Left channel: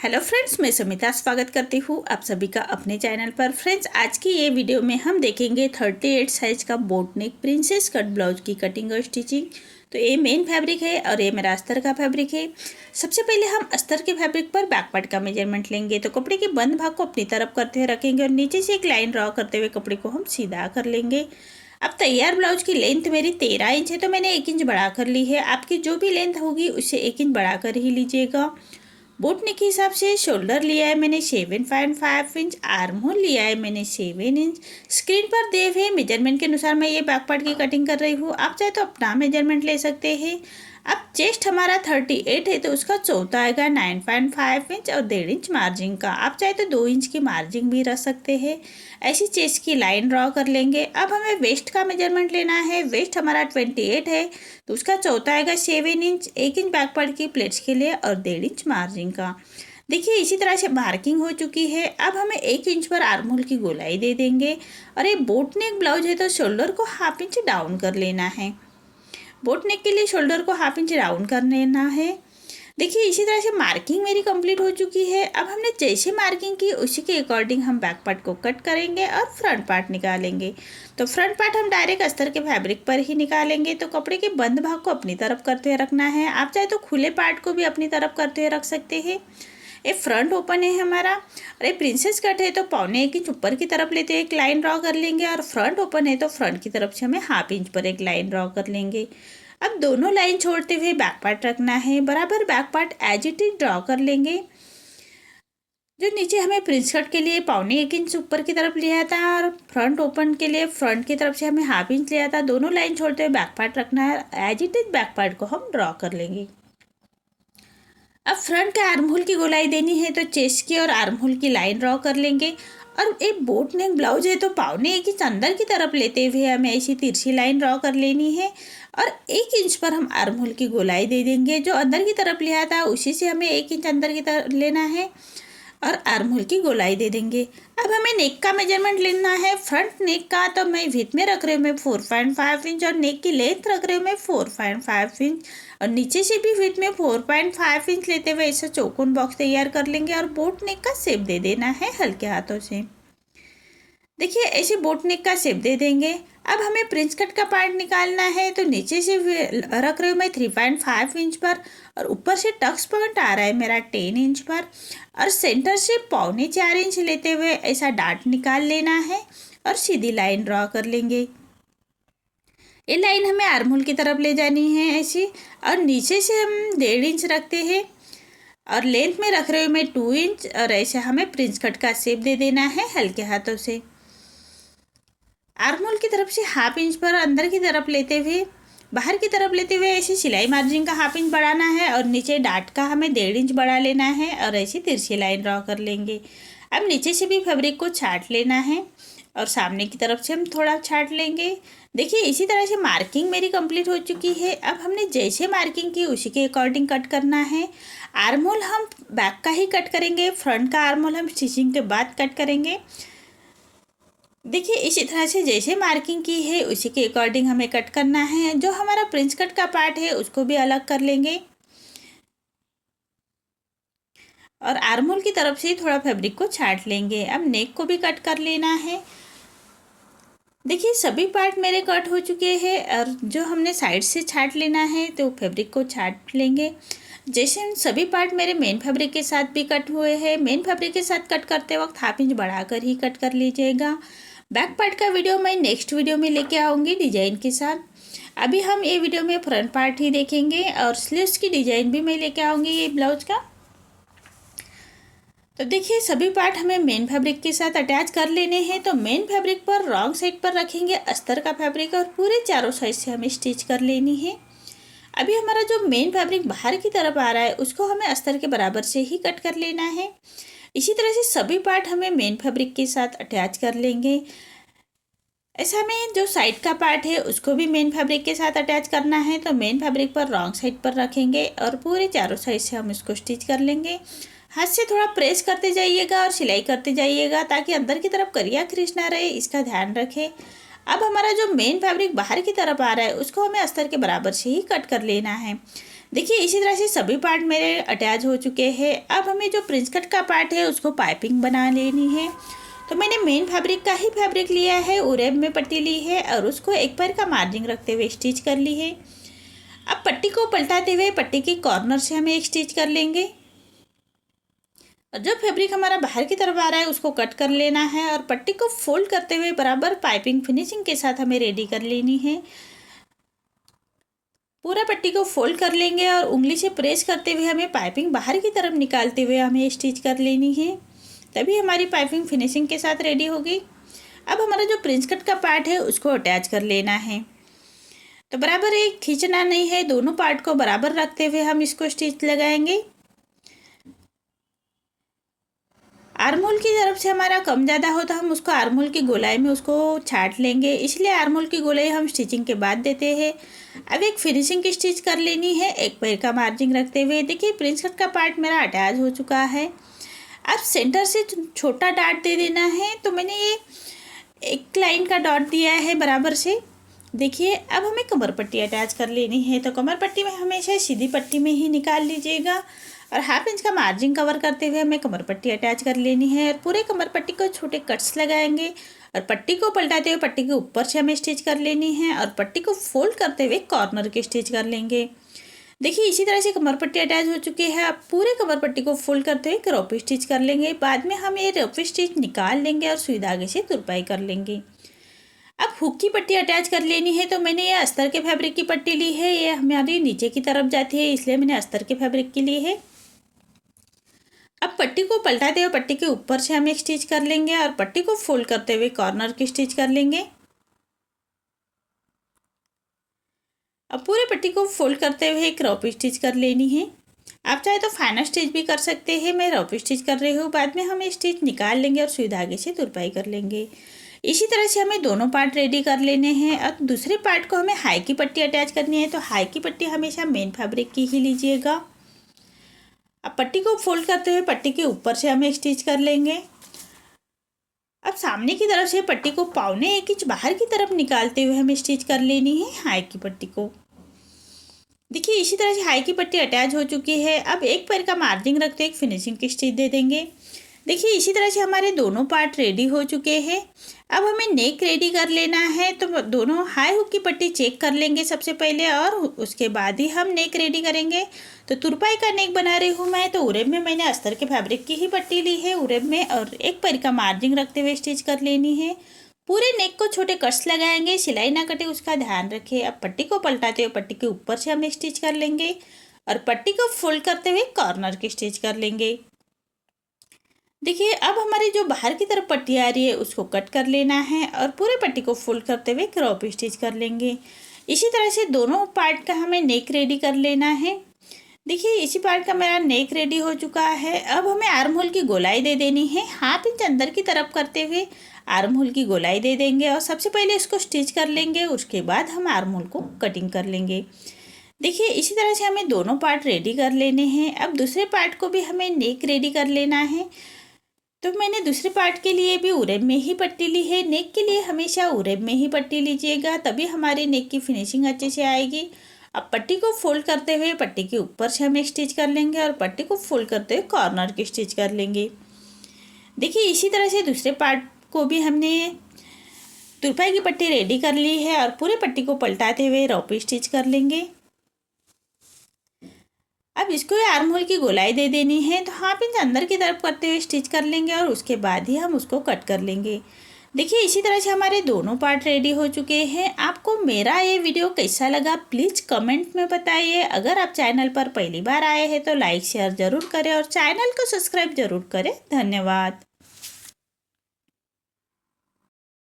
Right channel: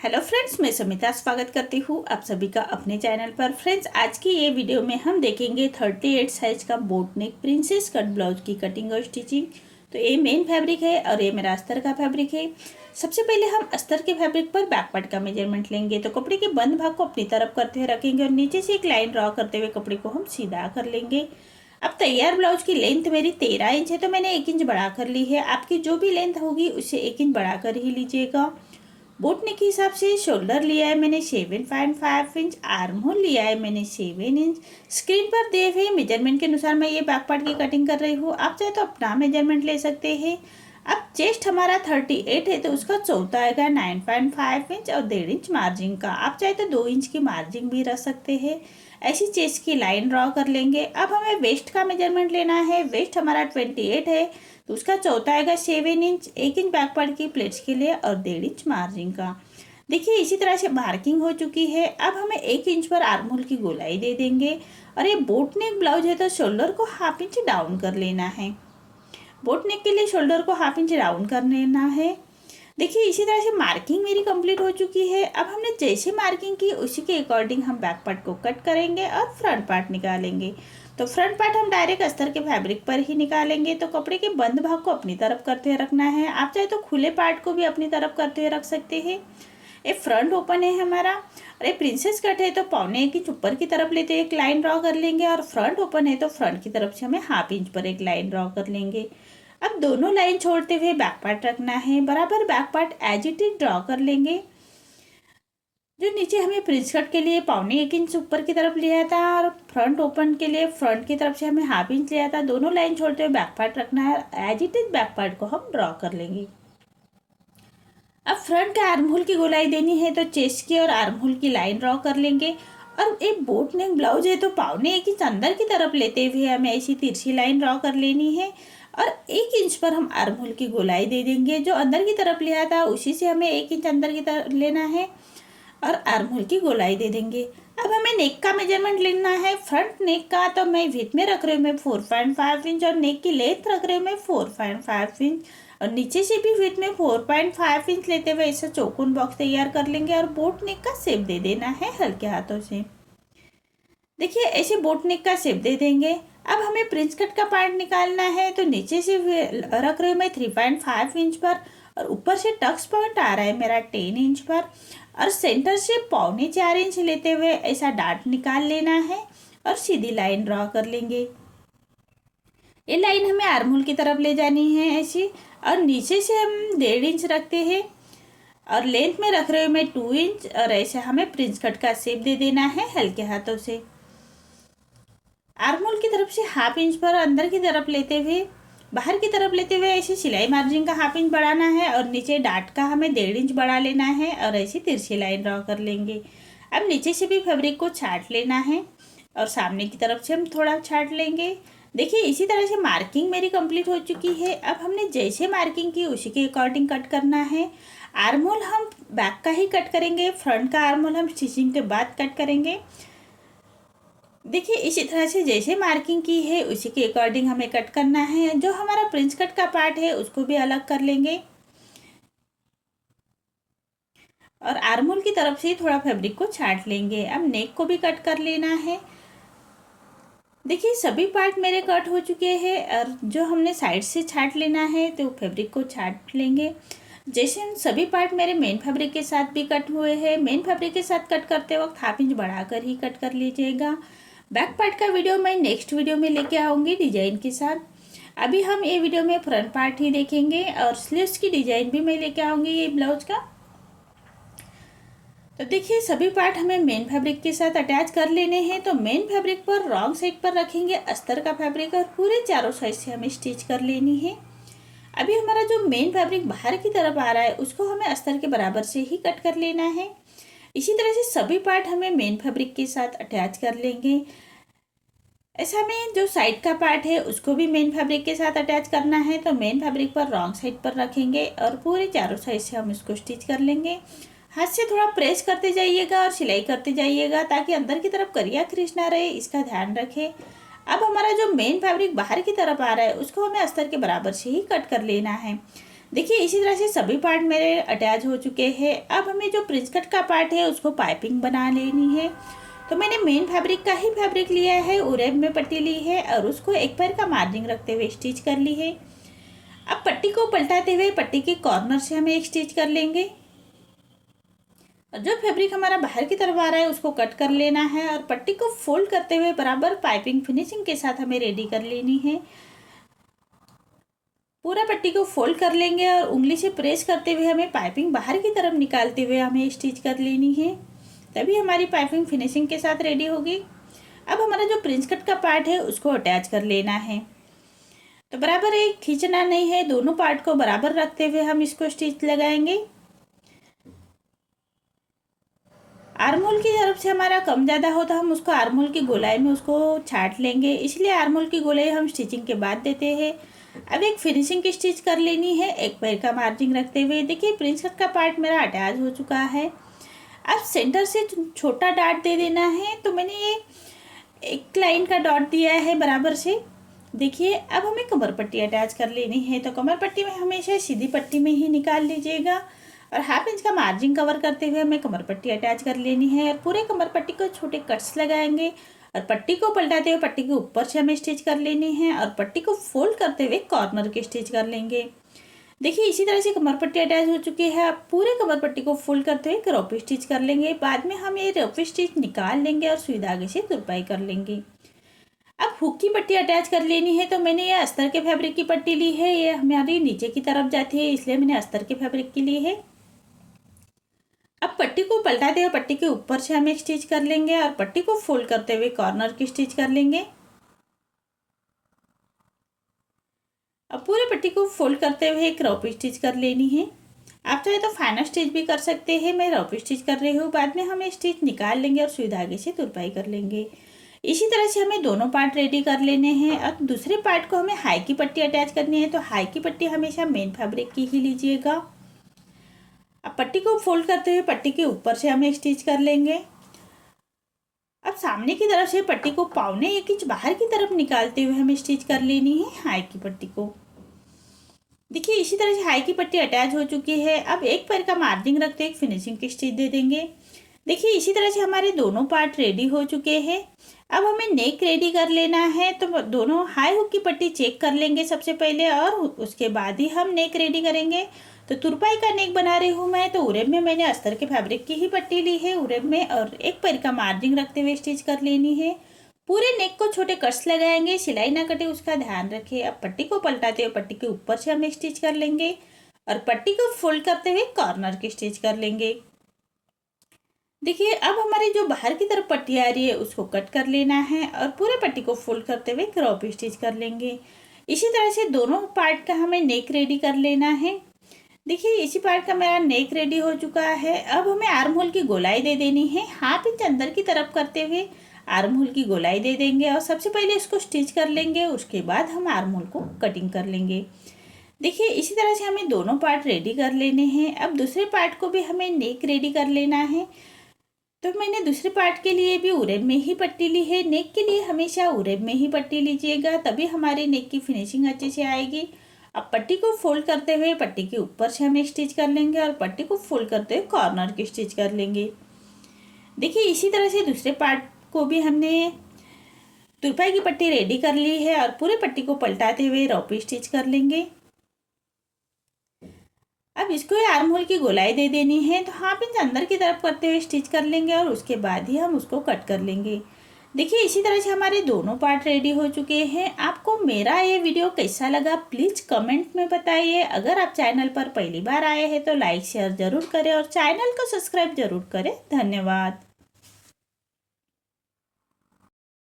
Hello friends, मैं समिता स्वागत करती हूँ आप सभी का अपने चैनल पर। फ्रेंड्स, आज की ये वीडियो में हम देखेंगे 38 साइज का बोट नेक प्रिंसेस कट ब्लाउज की कटिंग और स्टिचिंग। तो ये मेन फैब्रिक है और ये मेरा अस्तर का फैब्रिक है। सबसे पहले हम अस्तर के फैब्रिक पर बैक पार्ट का मेजरमेंट लेंगे। तो कपड़े के बंद भाग को अपनी तरफ करते हुए रखेंगे और नीचे से एक लाइन ड्रॉ करते हुए कपड़े को हम सीधा कर लेंगे। अब तैयार ब्लाउज की लेंथ मेरी 13 इंच है, तो मैंने 1 इंच बढ़ा कर ली है। आपकी जो भी लेंथ होगी उससे 1 इंच बढ़ा कर ही लीजिएगा। बोट नेक के हिसाब से शोल्डर लिया है मैंने 7.5 इंच, आर्म होल लिया है मैंने 7 इंच। स्क्रीन पर दिए हुए मेजरमेंट के अनुसार मैं ये बैक पार्ट की कटिंग कर रही हूँ। आप चाहे तो अपना मेजरमेंट ले सकते हैं। अब चेस्ट हमारा 38 है, तो उसका चौथा आएगा 9.5 इंच और 1.5 इंच मार्जिन का। आप चाहे तो 2 इंच की मार्जिन भी रख सकते हैं। ऐसी चेस्ट की लाइन ड्रॉ कर लेंगे। अब हमें वेस्ट का मेजरमेंट लेना है। वेस्ट हमारा 28 है, तो उसका चौथा आएगा 7 इंच, 1 इंच बैक पार्ट की प्लेट्स के लिए और 1.5 इंच मार्जिन का। देखिए, इसी तरह से मार्किंग हो चुकी है। अब हमें 1 इंच पर आर्म होल की गोलाई दे देंगे। और ये बोट नेक ब्लाउज है, तो शोल्डर को हाफ इंच डाउन कर लेना है। बोट नेक के लिए शोल्डर को हाफ इंच डाउन कर लेना है। देखिए, इसी तरह से मार्किंग मेरी कंप्लीट हो चुकी है। अब हमने जैसे मार्किंग की उसी के अकॉर्डिंग हम बैक पार्ट को कट करेंगे और फ्रंट पार्ट निकालेंगे। तो फ्रंट पार्ट हम डायरेक्ट अस्तर के फैब्रिक पर ही निकालेंगे। तो कपड़े के बंद भाग को अपनी तरफ करते हुए रखना है। आप चाहे तो खुले पार्ट को भी अपनी तरफ करते हुए रख सकते हैं। ये फ्रंट ओपन है हमारा। अरे प्रिंसेस कट है, तो 1.25 इंच ऊपर की तरफ लेते हुए एक लाइन ड्रॉ कर लेंगे। और फ्रंट ओपन है, तो फ्रंट की तरफ से हमें हाफ इंच पर एक लाइन ड्रॉ कर लेंगे। अब दोनों लाइन छोड़ते हुए बैक पार्ट रखना है। बराबर back part as it is draw कर लेंगे। जो नीचे हमें प्रिंस कट के लिए 1.25 इंच ऊपर की तरफ लिया था और फ्रंट ओपन के लिए फ्रंट की तरफ से हमें हाफ इंच लिया था, दोनों लाइन छोड़ते हुए बैक पार्ट रखना है। As it is back part को हम ड्रॉ कर लेंगे। अब फ्रंट के आर्म होल की गोलाई देनी है, तो चेस्ट की और आर्म होल की लाइन ड्रॉ कर लेंगे। और एक बोट नेक ब्लाउज है, तो 1.25 इंच अंदर की तरफ लेते हुए हमें ऐसी तिरछी लाइन ड्रॉ कर लेनी है। और 1 इंच पर हम आर्म होल की गोलाई दे देंगे। जो अंदर की तरफ लिया था उसी से हमें 1 इंच अंदर की तरफ लेना है और आर्म होल की गोलाई दे देंगे। अब हमें नेक का मेजरमेंट लेना है। फ्रंट नेक का तो मैं विड्थ में रख रही हूँ मैं 4.5 इंच और नेक की लेंथ रख रही हूँ मैं 4.5 इंच। और नीचे से भी विड्थ में 4.5 इंच लेते हुए ऐसा चौकोन बॉक्स तैयार कर लेंगे और बोट नेक का शेप दे देना है हल्के हाथों से। देखिए, ऐसे बोट नेक का शेप दे देंगे। अब हमें प्रिंस कट का पार्ट निकालना है। तो नीचे से रख रही हूँ मैं 3.5 इंच पर और ऊपर से टक्स पॉइंट आ रहा है मेरा 10 इंच पर। और सेंटर से 3.25 इंच लेते हुए ऐसा डार्ट निकाल लेना है और सीधी लाइन ड्रॉ कर लेंगे। ये लाइन हमें आर्म होल की तरफ ले जानी है ऐसी। और नीचे से हम 1.5 इंच रखते हैं और लेंथ में रख रहे हूँ मैं 2 इंच और ऐसे हमें प्रिंस कट का शेप दे देना है हल्के हाथों से। आर्म होल की तरफ से हाफ इंच पर अंदर की तरफ लेते हुए बाहर की तरफ लेते हुए ऐसी सिलाई मार्जिन का हाफ इंच बढ़ाना है और नीचे डाट का हमें 1.5 इंच बढ़ा लेना है और ऐसी तिरछी लाइन ड्रॉ कर लेंगे। अब नीचे से भी फैब्रिक को छाट लेना है और सामने की तरफ से हम थोड़ा छाट लेंगे। देखिए, इसी तरह से मार्किंग मेरी कंप्लीट हो चुकी है। अब हमने जैसे मार्किंग की उसी के अकॉर्डिंग कट करना है। आर्म होल हम बैक का ही कट करेंगे, फ्रंट का आर्म होल हम स्टिचिंग के बाद कट करेंगे। देखिए, इसी तरह से जैसे मार्किंग की है उसी के अकॉर्डिंग हमें कट करना है। जो हमारा प्रिंस कट का पार्ट है उसको भी अलग कर लेंगे और आर्म होल की तरफ से थोड़ा फैब्रिक को छाट लेंगे। अब नेक को भी कट कर लेना है। देखिए, सभी पार्ट मेरे कट हो चुके हैं और जो हमने साइड से छाट लेना है तो फैब्रिक को छाट लेंगे। जैसे सभी पार्ट मेरे मेन फैब्रिक के साथ भी कट हुए हैं। मेन फैब्रिक के साथ कट करते वक्त हाफ इंच बढ़ाकर ही कट कर लीजिएगा। बैक पार्ट का वीडियो मैं नेक्स्ट वीडियो में लेके आऊँगी डिजाइन के साथ। अभी हम ये वीडियो में फ्रंट पार्ट ही देखेंगे और स्लीव्स की डिजाइन भी मैं लेके आऊँगी ये ब्लाउज का। तो देखिए, सभी पार्ट हमें मेन फैब्रिक के साथ अटैच कर लेने हैं। तो मेन फैब्रिक पर रॉन्ग साइड पर रखेंगे अस्तर का फैब्रिक और पूरे चारों साइड से हमें स्टिच कर लेनी है। अभी हमारा जो मेन फैब्रिक बाहर की तरफ आ रहा है उसको हमें अस्तर के बराबर से ही कट कर लेना है। इसी तरह से सभी पार्ट हमें मेन फैब्रिक के साथ अटैच कर लेंगे। ऐसा में जो साइड का पार्ट है उसको भी मेन फैब्रिक के साथ अटैच करना है। तो मेन फैब्रिक पर रॉन्ग साइड पर रखेंगे और पूरे चारों साइड से हम इसको स्टिच कर लेंगे। हाथ से थोड़ा प्रेस करते जाइएगा और सिलाई करते जाइएगा ताकि अंदर की तरफ करिया क्रीज ना रहे, इसका ध्यान रखें। अब हमारा जो मेन फैब्रिक बाहर की तरफ आ रहा है उसको हमें अस्तर के बराबर से ही कट कर लेना है। देखिए इसी तरह से सभी पार्ट मेरे अटैच हो चुके हैं। अब हमें जो प्रिंस कट का पार्ट है उसको पाइपिंग बना लेनी है। तो मैंने मेन फैब्रिक का ही फैब्रिक लिया है, उरेब में पट्टी ली है और उसको एक पैर का मार्जिन रखते हुए स्टिच कर ली है। अब पट्टी को पलटाते हुए पट्टी के कॉर्नर से हमें एक स्टिच कर लेंगे और जो फैब्रिक हमारा बाहर की तरफ आ रहा है उसको कट कर लेना है और पट्टी को फोल्ड करते हुए बराबर पाइपिंग फिनिशिंग के साथ हमें रेडी कर लेनी है। पूरा पट्टी को फोल्ड कर लेंगे और उंगली से प्रेस करते हुए हमें पाइपिंग बाहर की तरफ निकालते हुए हमें स्टिच कर लेनी है, तभी हमारी पाइपिंग फिनिशिंग के साथ रेडी होगी। अब हमारा जो प्रिंस कट का पार्ट है उसको अटैच कर लेना है। तो बराबर एक खींचना नहीं है, दोनों पार्ट को बराबर रखते हुए हम इसको स्टिच लगाएंगे। आर्महोल की तरफ से हमारा कम ज़्यादा हो तो हम उसको आर्महोल की गोलाई में उसको छाट लेंगे, इसलिए आर्महोल की गोलाई हम स्टिचिंग के बाद देते हैं। अब एक फिनिशिंग की स्टिच कर लेनी है एक पैर का मार्जिन रखते हुए। देखिए प्रिंस कट का पार्ट मेरा अटैच हो चुका है। अब सेंटर से छोटा डॉट दे देना है, तो मैंने ये एक लाइन का डॉट दिया है बराबर से। देखिए अब हमें कमर पट्टी अटैच कर लेनी है, तो कमर पट्टी में हमेशा सीधी पट्टी में ही निकाल लीजिएगा और 1/2 इंच का मार्जिन कवर करते हुए हमें कमर पट्टी अटैच कर लेनी है और पूरे कमर पट्टी को छोटे कट्स लगाएंगे और पट्टी को पलटाते हुए पट्टी के ऊपर से हमें स्टिच कर लेनी है और पट्टी को फोल्ड करते हुए कॉर्नर की स्टिच कर लेंगे। देखिए इसी तरह से कमर पट्टी अटैच हो चुकी है। अब पूरे कमर पट्टी को फोल्ड करते हुए रोपी स्टिच कर लेंगे। बाद में हम ये रोपी स्टिच निकाल लेंगे और सुई धागे से तुरपाई कर लेंगे। अब हुक की पट्टी अटैच कर लेनी है, तो मैंने ये अस्तर के फैब्रिक की पट्टी ली है। ये हमारी नीचे की तरफ जाती है, इसलिए मैंने अस्तर के फैब्रिक की ली है। अब पट्टी को पलटाते हुए पट्टी के ऊपर से हम एक स्टिच कर लेंगे और पट्टी को फोल्ड करते हुए कॉर्नर की स्टिच कर लेंगे। अब पूरे पट्टी को फोल्ड करते हुए एक रोपी स्टिच कर लेनी है। आप चाहे तो फाइनल स्टिच भी कर सकते हैं, मैं रोपी स्टिच कर रही हूँ। बाद में हम ये स्टिच निकाल लेंगे और सुई धागे से तुरपाई कर लेंगे। इसी तरह से हमें दोनों पार्ट रेडी कर लेने हैं। अब दूसरे पार्ट को हमें हाई की पट्टी अटैच करनी है, तो हाई की पट्टी हमेशा मेन फैब्रिक की ही लीजिएगा। अब पट्टी को फोल्ड करते हुए पट्टी के ऊपर से हम एक स्टिच कर लेंगे। अब सामने की तरफ से पट्टी को 1.25 इंच बाहर की तरफ निकालते हुए हमें स्टिच कर लेनी है हाई की पट्टी को। देखिए इसी तरह से हाई की पट्टी अटैच हो चुकी है। अब एक पैर का मार्जिन रखते एक फिनिशिंग की स्टिच दे देंगे। देखिए इसी तरह से हमारे दोनों पार्ट रेडी हो चुके हैं। अब हमें नेक रेडी कर लेना है, तो दोनों हाई हुक की पट्टी चेक कर लेंगे सबसे पहले और उसके बाद ही हम नेक रेडी करेंगे। तो तुरपाई का नेक बना रही हूँ मैं, तो उरेब में मैंने अस्तर के फैब्रिक की ही पट्टी ली है उरेब में और एक पैर का मार्जिन रखते हुए स्टिच कर लेनी है। पूरे नेक को छोटे कट्स लगाएंगे, सिलाई ना कटे उसका ध्यान रखें। अब पट्टी को पलटाते हुए पट्टी के ऊपर से हम स्टिच कर लेंगे और पट्टी को फोल्ड करते हुए कॉर्नर की स्टिच कर लेंगे। देखिए अब हमारी जो बाहर की तरफ पट्टी आ रही है उसको कट कर लेना है और पूरे पट्टी को फोल्ड करते हुए क्रॉप स्टिच कर लेंगे। इसी तरह से दोनों पार्ट का हमें नेक रेडी कर लेना है। देखिए इसी पार्ट का मेरा नेक रेडी हो चुका है। अब हमें आर्म होल की गोलाई दे देनी है। 1/2 इंच अंदर की तरफ करते हुए आर्म होल की गोलाई दे देंगे और सबसे पहले इसको स्टिच कर लेंगे, उसके बाद हम आर्म होल को कटिंग कर लेंगे। देखिए इसी तरह से हमें दोनों पार्ट रेडी कर लेने हैं। अब दूसरे पार्ट को भी हमें नेक रेडी कर लेना है, तो मैंने दूसरे पार्ट के लिए भी उरेब में ही पट्टी ली है। नेक के लिए हमेशा उरेब में ही पट्टी लीजिएगा, तभी हमारे नेक की फिनिशिंग अच्छे से आएगी। अब पट्टी को फोल्ड करते हुए पट्टी के ऊपर से हम एक स्टिच कर लेंगे और पट्टी को फोल्ड करते हुए कॉर्नर की स्टिच कर लेंगे। देखिए इसी तरह से दूसरे पार्ट को भी हमने तुरपाई की पट्टी रेडी कर ली है और पूरे पट्टी को पलटाते हुए रोपी स्टिच कर लेंगे। अब इसको आर्म होल की गोलाई दे देनी है, तो 1/2 इंच अंदर की तरफ करते हुए स्टिच कर लेंगे और उसके बाद ही हम उसको कट कर लेंगे। देखिए इसी तरह से हमारे दोनों पार्ट रेडी हो चुके हैं। आपको मेरा ये वीडियो कैसा लगा प्लीज़ कमेंट में बताइए। अगर आप चैनल पर पहली बार आए हैं तो लाइक शेयर ज़रूर करें और चैनल को सब्सक्राइब ज़रूर करें। धन्यवाद।